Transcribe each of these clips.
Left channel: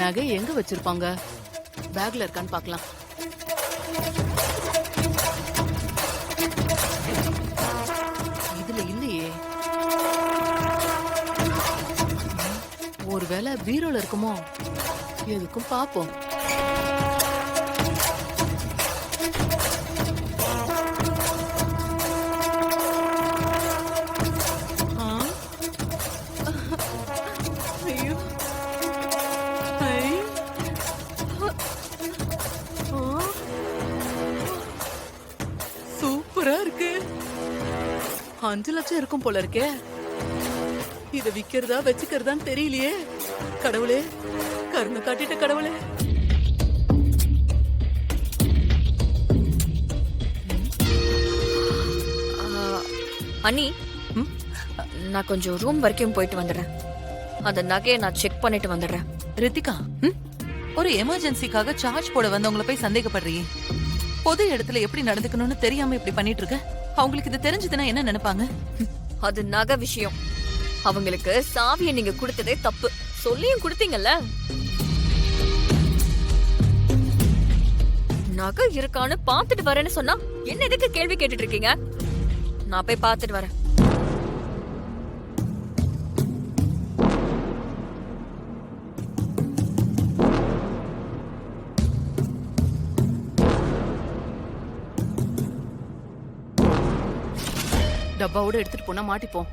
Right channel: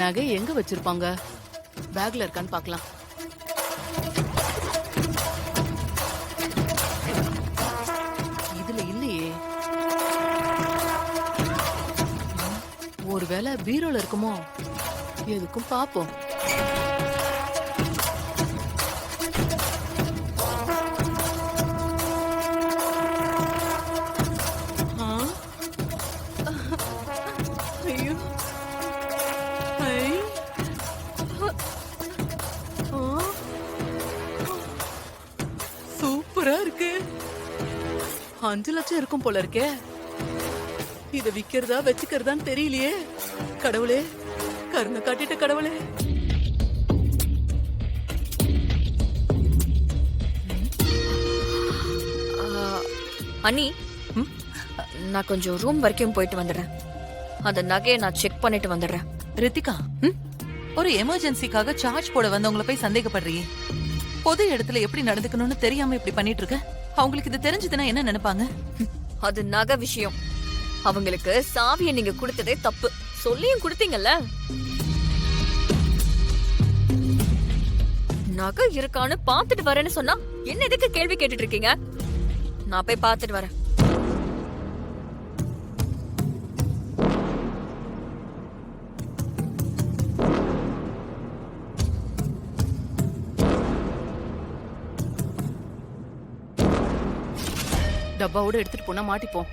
நகை எங்க வச்சிருப்பாங்க? பேக்ல இருக்கான்னு பார்க்கலாம். இதுல இல்லையே. ஒருவேளை பீரோல இருக்குமோ? எதுக்கும் பாப்போம். ஐயோ, ஐ, சூப்பரா இருக்கு. 5 லட்சம் இருக்கும் போல இருக்கே. இத விக்கிறதா வச்சுக்கிறதான்னு தெரியலையே. கடவுளே, கருணை காட்டிட்ட கடவுளே. அண்ணி, நான் கொஞ்சம் ரூம் வரைக்கும் போயிட்டு வந்துடுறேன். அந்த நகையை நான் செக் பண்ணிட்டு வந்துடுறேன். ரித்திகா, ஒரு எமர்ஜென்சிக்காக சார்ஜ் போட வந்தவங்கள போய் சந்தேகப்படுறியே. பொது இடத்துல எப்படி நடந்துக்கணும்னு தெரியாம இப்படி பண்ணிட்டு இருக்க. அவங்களுக்கு இது தெரிஞ்சதுன்னா என்ன நினைப்பாங்க? அது நகை விஷயம். அவங்களுக்கு சாவியை நீங்க கொடுத்ததே தப்பு. சொல்லியும் கொடுத்தீங்கல்ல. நகை இருக்கான்னு பாத்துட்டு வரேன்னு சொன்னா என்ன எதுக்கு கேள்வி கேட்டுட்டு இருக்கீங்க? நான் போய் பாத்துட்டு வரேன். டப்பாவோட எடுத்துட்டு போனா மாட்டிப்போம்.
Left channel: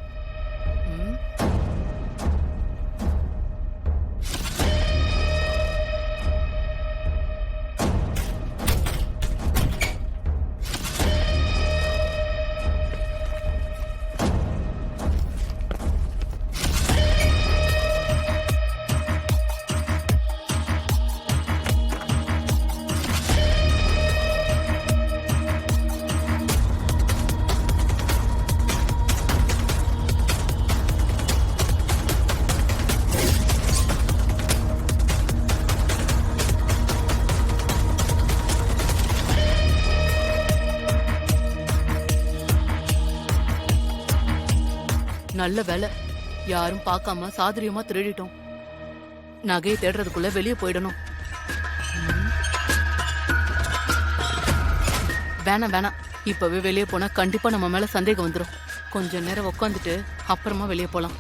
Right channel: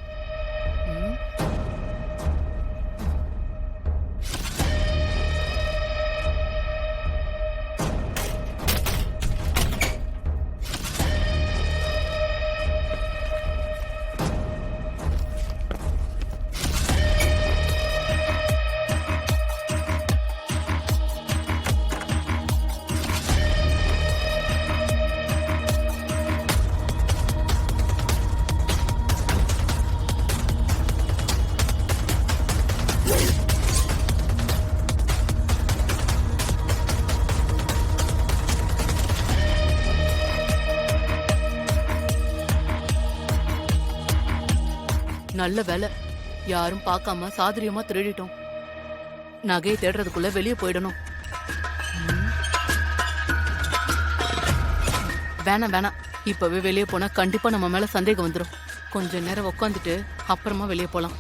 நல்ல வேலை, யாரும் பார்க்காம சாதுரியமா திருடிட்டோம். நகையை தேடுறதுக்குள்ள வெளியே போயிடணும். வேணாம் வேணாம், இப்பவே வெளியே போனா கண்டிப்பா நம்ம மேல சந்தேகம் வந்துடும். கொஞ்ச நேரம் உட்காந்துட்டு அப்புறமா வெளியே போலாம்.